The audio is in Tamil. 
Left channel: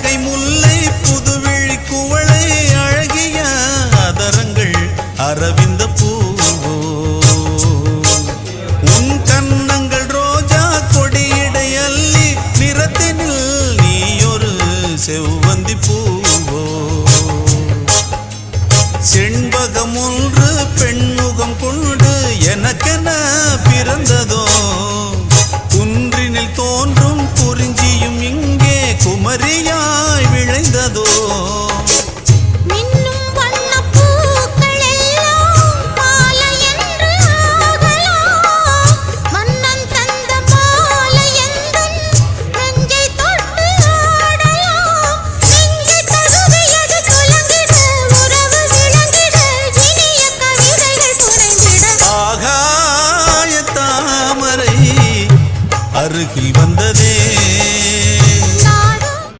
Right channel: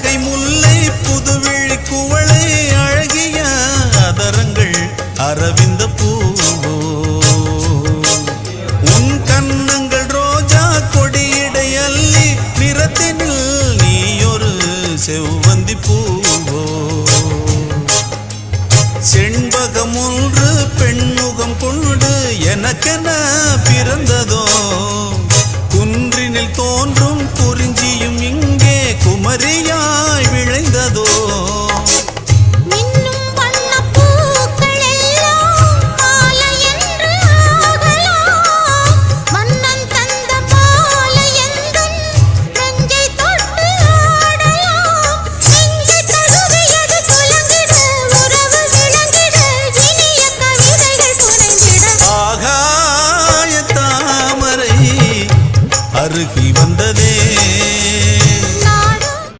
புன்னகை முல்லை புதுவிழி குவளை அழகிய அதரங்கள் அரவிந்த பூவோ உன் கன்னங்கள் ரோஜா கொடியிடை அல்லி நிறத்தினில் நீயொரு செவ்வந்தி பூவோ செண்பகம் ஒன்று பெண்முகம் கொண்டு எனக்கென பிறந்ததோ குன்றினில் தோன்றும் குறிஞ்சியும் இங்கே குமரியாய் விளைந்ததோ அருகில் வந்த